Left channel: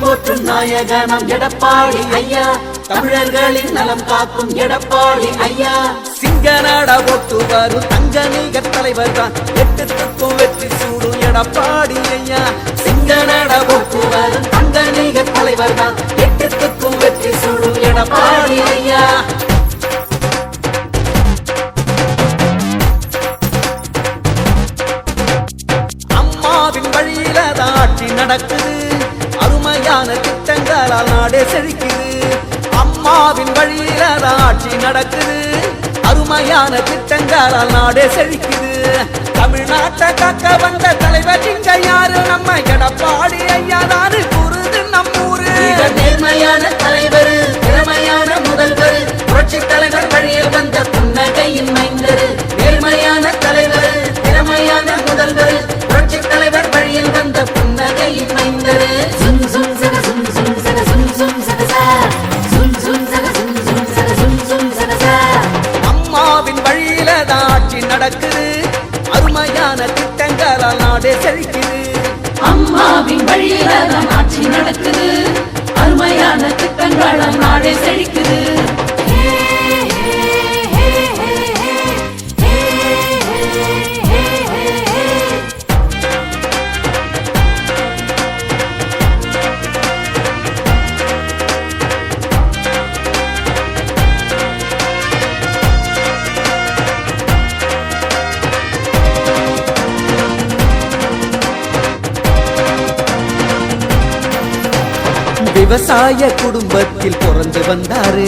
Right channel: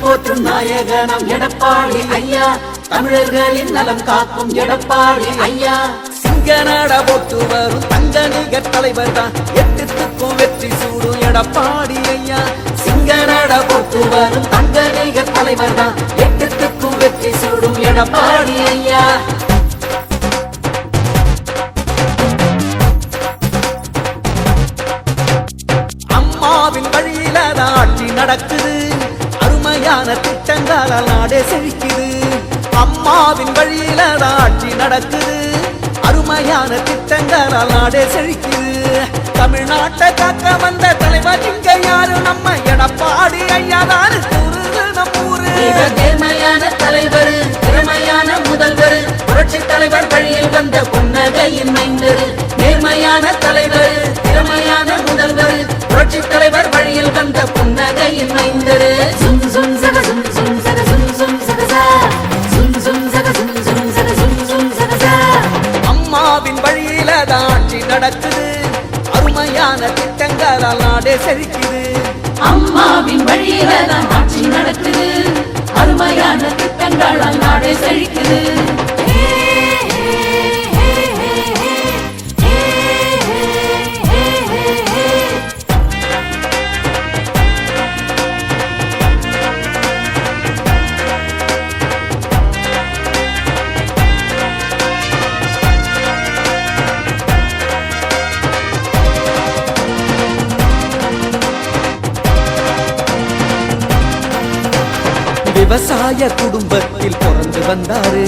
போற்றும் நாயகனம் எடப்பாடி ஐயா, தமிழர்களின் நலம் காக்கும் எடப்பாடி ஐயா. சிங்கநாட போட்டு வரும் தங்க நிகர் தலைவர் தான், எட்டுக்கும் வெற்றி சூடும் எடப்பாடி ஐயா. சிங்கநாட போட்டு வரும் தங்க நிகர் தலைவர் தான், எட்டுக்கும் வெற்றி சூடும் எடப்பாடி ஐயா. அம்மாவின் வழியில ஆட்சி நடக்குது, அருமையான திட்டங்களால் நாடே செழிக்குது. அம்மாவின் வழியில ஆட்சி நடக்குது, அருமையான திட்டங்களால் நாடே செழிக்குது. தமிழ்நாட்டை காக்க வந்த தலைவர் இங்க யாரு, நம்ம எடப்பாடி ஐயா நாடு கூறுது நம்மூரு. நேர்மையான தலைவர், திறமையான முதல்வர், புரட்சி தலைவர் வழியில் வந்த புன்னகையின் மைந்தர். நேர்மையான தலைவர், திறமையான முதல்வர், புரட்சி தலைவர் வழியில் வந்த புன்னகையின் மைந்தர். சும் சும் சக சும் சும் சக சும் சும் சக சா, சும் சும் சக சும் சும் சக சும் சும் சக சா. அம்மாவின் வழியில ஆட்சி நடக்குது, அருமையான திட்டங்களால் நாடே செழிக்குது. அம்மாவின் வழியில ஆட்சி நடக்குது, அருமையான திட்டங்களால் நாடே செழிக்குது. விவசாய குடும்பத்தில் பிறந்து வந்தாரு,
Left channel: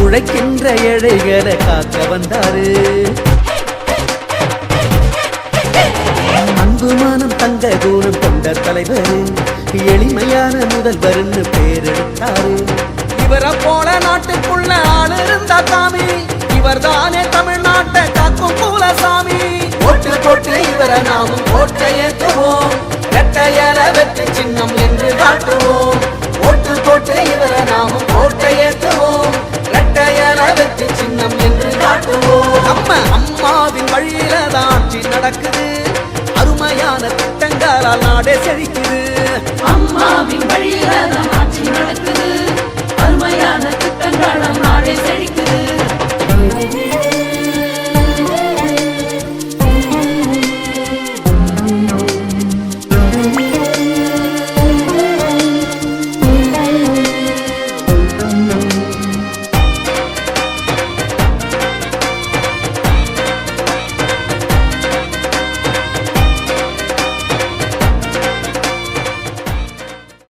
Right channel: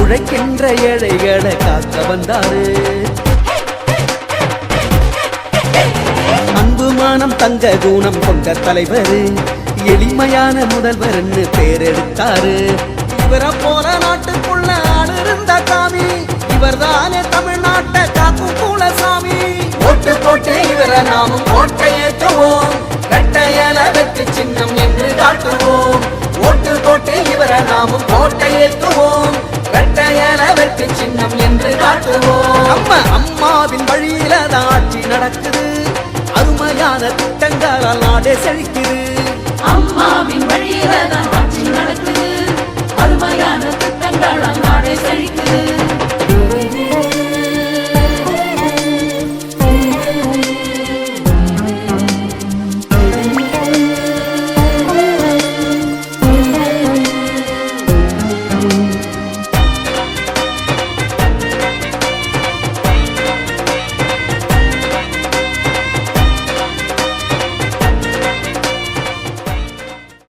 உழைக்கின்ற ஏழைகளை காக்க வந்தாரு. அன்பு மானம் தங்க குணம் கொண்ட தலைவர், எளிமையான முதல்வர் என்று பேரெடுத்தாரு. இவரை போல நாட்டுக்குள்ள ஆள் இருந்தா சாமி, இவர் தானே தமிழ்நாட்டை காக்கும் மூலசாமி. ஓட்டு போட்டு இவரை நாமும் ஓட்டை ஏற்றுவோம், இரட்டையல வெற்றி சின்னம் என்று காட்டுவோம். ஓட்டு போட்டு இவரை நாமும் ஓட்டை ஏற்றுவோம், இரட்டையல வெற்றி சின்னம் என்று காட்டுவோம். நம்ம அம்மாவின் வழியில ஆட்சி நடக்குது, அருமையான திட்டங்களால் நாடே செழிக்குது. அம்மாவின் வழியில